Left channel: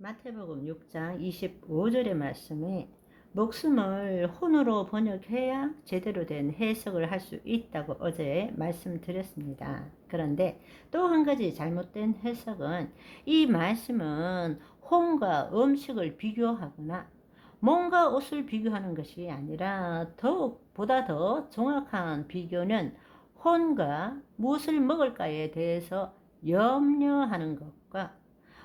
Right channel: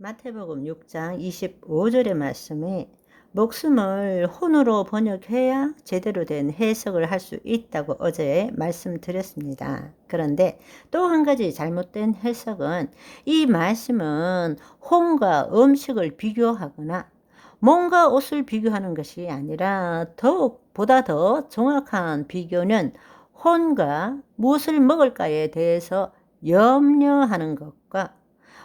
마태복음 6장 25절의 말씀에 목숨을 혼으로 번역해야 제대로 된 해석을 할 수 있다고 어제 말씀드렸습니다. 그런데 또 한 가지 잘못된 해석은 이 말씀은 혼과 음식을 비교하거나 몸과 옷을 비교하는 것이 아니라 보다 더 정확한 비교는 혼과 무엇을 먹을까에 대해서 염려하는 것과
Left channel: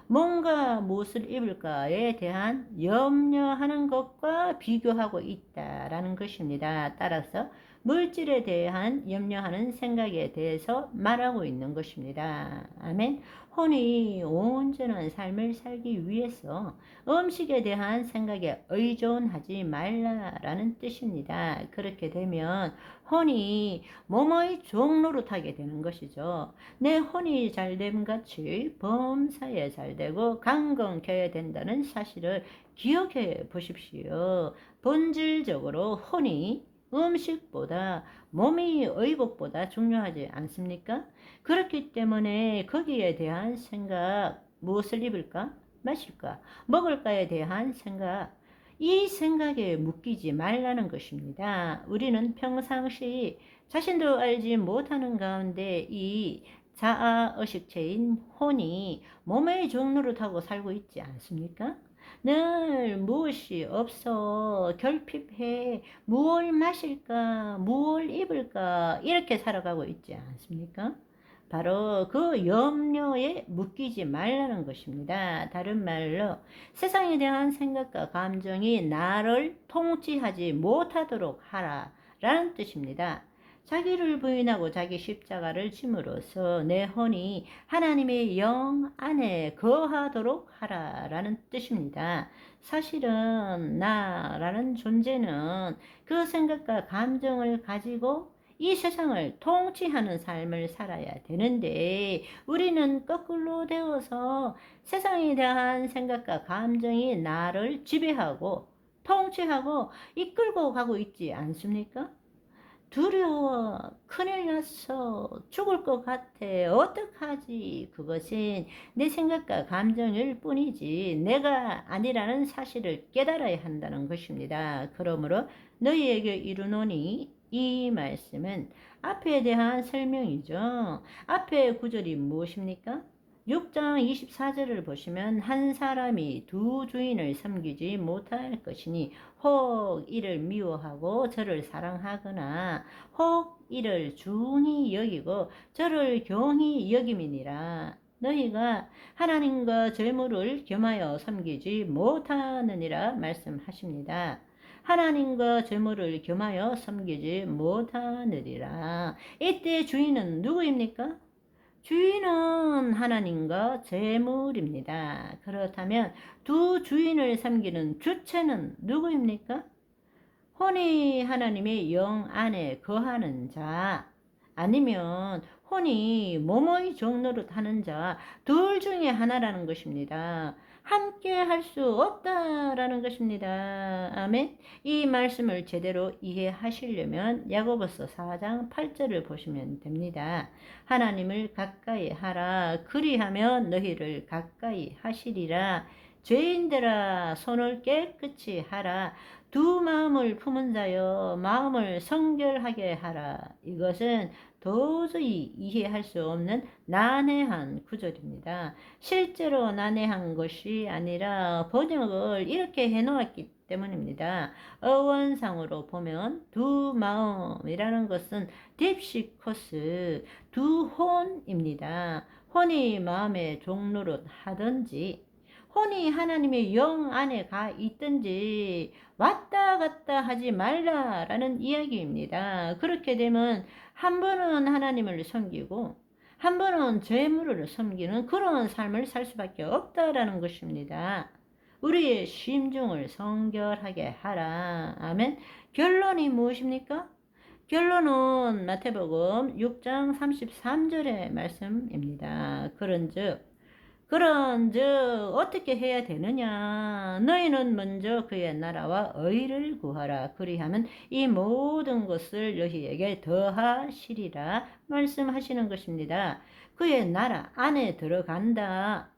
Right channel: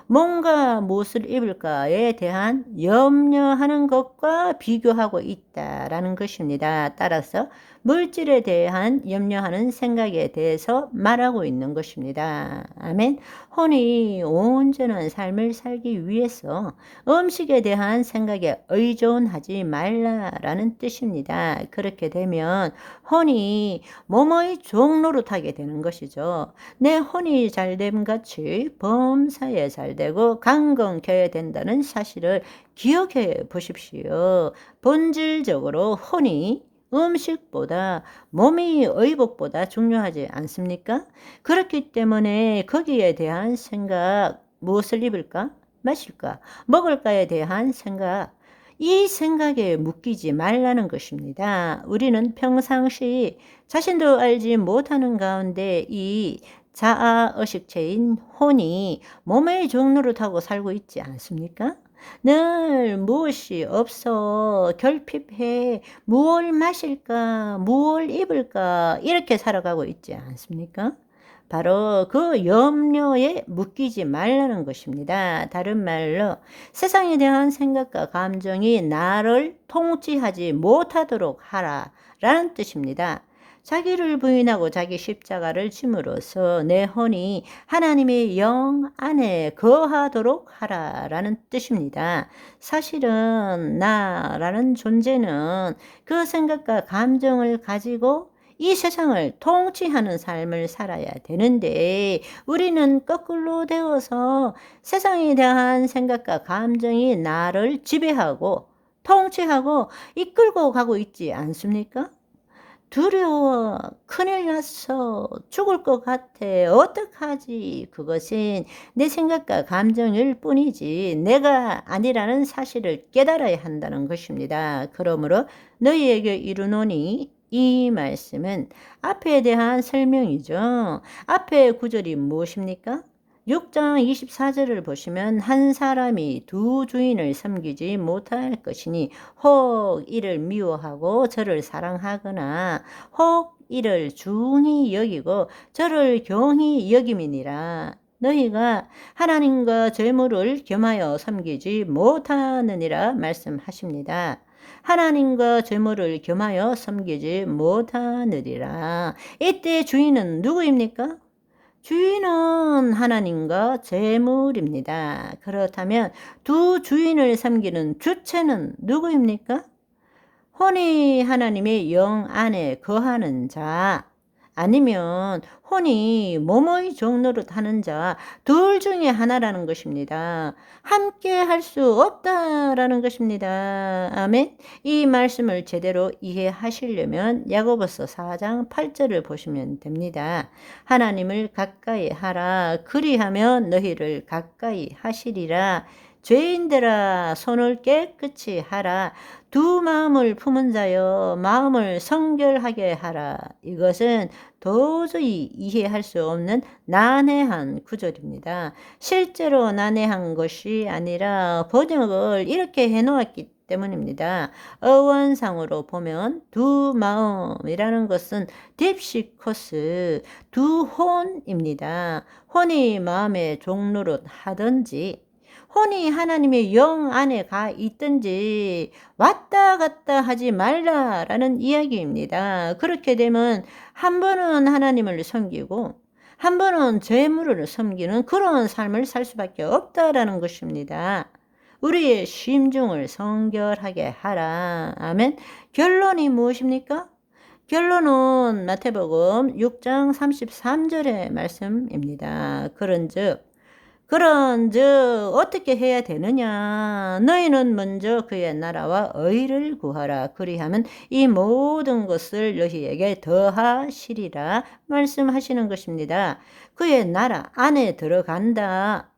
뭔가 무엇을 입을까에 대한 염려하는 것과 비교하고 있다라는 것입니다. 따라서 물질에 대한 염려하는 생각에 대해서 말하고 있는 것입니다. 아멘. 혼이 온전한 삶을 살기 위해서 음식에 대한 생각에 의존하지 말라라는 뜻입니다. 그렇게 되면 혼이 몸의 종노릇하게 되는 것이죠. 내 혼이 잘됨 같이 범사에 잘되고 강건케 된다는 사실을 기억해 보십시오. 본질적으로 혼이 음식보다 몸이 의복보다 중요하지 않습니까? 그렇기 때문에 거기에 대한 생각, 무엇을 입을까? 마실까? 먹을까에 대한 생각, 이 생각에 묶이지 말라는 것입니다. 우리는 평상시 자신도 알지 못하는 가운데 이 자아의식체인 혼이 몸의 종로를 타고 살고 있지 않습니까? 늘 무엇이 없어 결핍해 무엇을 마실까 무엇을 입을까 이렇게 살아가고 있지 않습니까? 바로 그 염려에 묶이지 말라는 것입니다. 다른 말로 세상에 대한 생각과 감정이 나를 통치하지 못하도록 하라라는 뜻입니다. 자기를 부인하고 자기 십자가를 짐으로써 내 혼이 하나님의 영 안에 거하도록 하라라는 뜻입니다. 사실은 나라는 존재는 그 생각과 감정을 가지고 이 세상을 통치하는 삶을 살아야 되는데 우리는 거꾸로 되어서 세상에 대한 생각과 감정이 나를 지배하고 통치하고 이끌고 가고 있지 않습니까? 두려워. 큰일 났어. 죽을 것 같아. 어떡하지? 그것은 내 생각과 감정일 뿐이지 내가 아니라는 사실을 깨달아야 한다는 것입니다. 그러므로 너희에게 이르노니 이 말씀은 앞에 대한 설명이죠. 앞에 구절이 무엇입니까? 6장 24절을 보시면 한 사람이 두 주인을 섬기지 못할 것이니 혹 이를 미워하고 저를 사랑하거나 혹 이를 중히 여기고 저를 경히 여김이니라. 너희가 하나님과 재물을 겸하여 섬기지 못하느니라 말씀하십니다. 하나님과 재물을 겸하여 섬기지 못하느니라. 이때 주인은 누구입니까? 주인은 하나님과 재물입니다. 그렇다면 두 주인을 섬기는 주체는 누구입니까? 혼이 하나님의 영 안에 거하는 자, 아니면 혼이 몸의 종노릇 하는 자, 둘 중에 하나라는 것입니다. 함께 할 수 없다라는 것입니다. 아멘. 이 말씀을 제대로 이해하시려면 야고보서 4장 8절을 보시면 됩니다. 하나님을 가까이 하라. 그리하면 너희를 가까이 하시리라. 죄인들아 손을 깨끗이 하라. 두 마음을 품은 자여 마음을 성결하게 하라. 이것은 도저히 이해할 수 없는 난해한 구절입니다. 실제로 난해한 것이 아니라 번역을 이렇게 해놓았기 때문입니다. 어원상으로 보면 두 마음이라는 것은 딥시코스, 두 혼입니다. 혼이 마음의 종로릇 하든지 혼이 하나님의 영 안에 가 있든지 왔다 갔다 하지 말라라는 이야기입니다. 그렇게 되면 한 번은 하나님을 섬기고 한 번은 재물을 섬기는 그런 삶을 살 수밖에 없다라는 것입니다. 우리의 심중을 성결하게 하라. 아멘. 결론이 무엇입니까? 결론은 마태복음 6장 33절의 말씀입니다. 그런즉 어떻게 해야 되느냐? 너희는 먼저 그의 나라와 의를 구하라. 그리하면 이 모든 것을 너희에게 더하시리라 말씀하시는 것입니다. 그의 나라 안에 들어간다.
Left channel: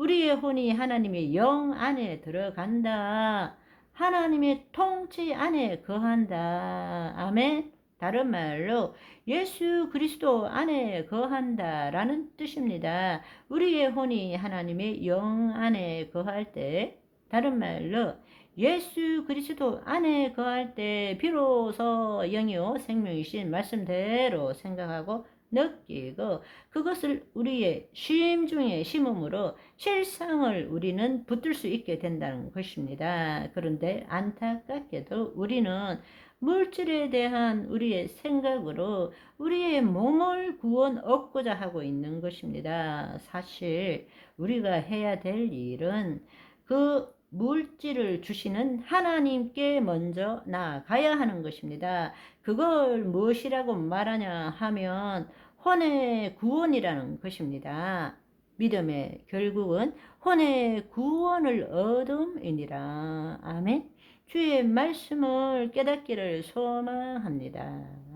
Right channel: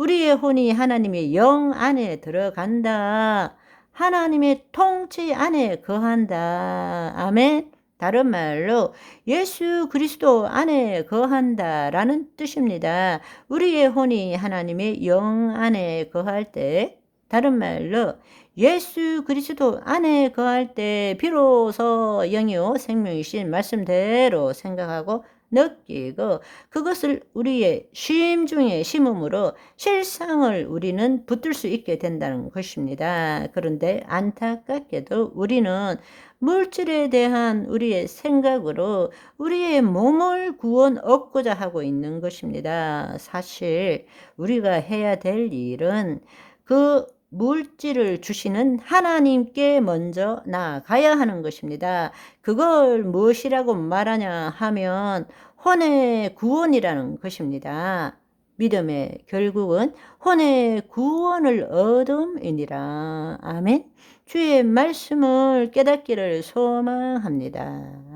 우리의 혼이 하나님의 영 안에 들어간다. 하나님의 통치 안에 거한다. 아멘. 다른 말로 예수 그리스도 안에 거한다라는 뜻입니다. 우리의 혼이 하나님의 영 안에 거할 때, 다른 말로 예수 그리스도 안에 거할 때 비로소 영이요 생명이신 말씀대로 생각하고 느끼고 그것을 우리의 심중에 심음으로 실상을 우리는 붙들 수 있게 된다는 것입니다. 그런데 안타깝게도 우리는 물질에 대한 우리의 생각으로 우리의 몸을 구원 얻고자 하고 있는 것입니다. 사실 우리가 해야 될 일은 그 물질을 주시는 하나님께 먼저 나아가야 하는 것입니다. 그걸 무엇이라고 말하냐 하면 혼의 구원이라는 것입니다. 믿음의 결국은 혼의 구원을 얻음이니라. 아멘. 주의 말씀을 깨닫기를 소망합니다.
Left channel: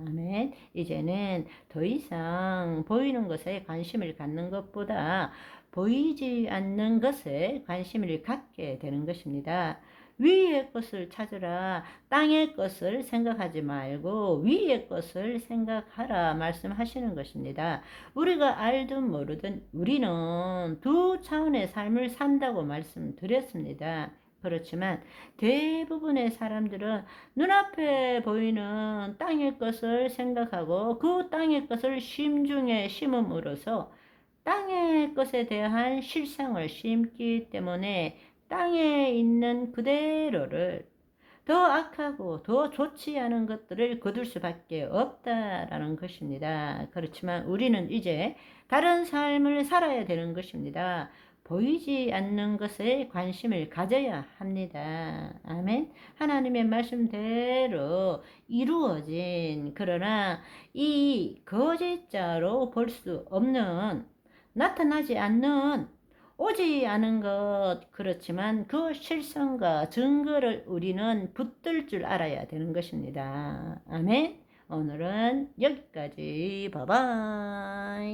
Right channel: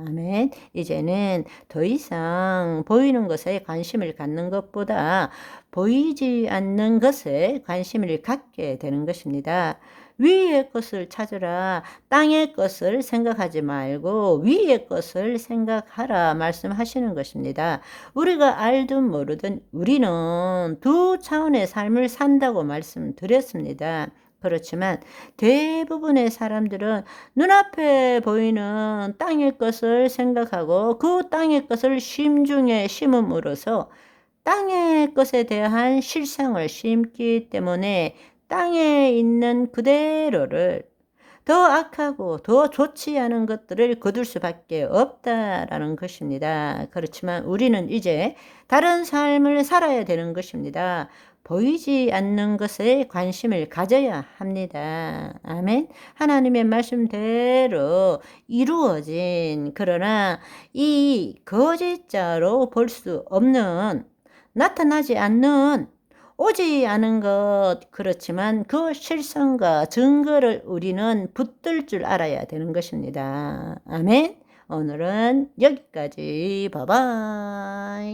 아멘. 이제는 더 이상 보이는 것에 관심을 갖는 것보다 보이지 않는 것에 관심을 갖게 되는 것입니다. 위의 것을 찾으라. 땅의 것을 생각하지 말고 위의 것을 생각하라 말씀하시는 것입니다. 우리가 알든 모르든 우리는 두 차원의 삶을 산다고 말씀드렸습니다. 그렇지만 대부분의 사람들은 눈앞에 보이는 땅의 것을 생각하고 그 땅의 것을 심중에 심음으로써 땅의 것에 대한 실상을 심기 때문에 땅에 있는 그대로를 더 악하고 더 좋지 않은 것들을 거둘 수밖에 없다라는 것입니다. 그렇지만 우리는 이제 다른 삶을 살아야 되는 것입니다. 보이지 않는 것에 관심을 가져야 합니다. 아멘. 하나님의 말씀대로 이루어진 그러나 이 거짓자로 볼 수 없는 나타나지 않는 오지 않은 것 그렇지만 그 실상과 증거를 우리는 붙들 줄 알아야 되는 것입니다. 아멘. 오늘은 여기까지. 바이바이.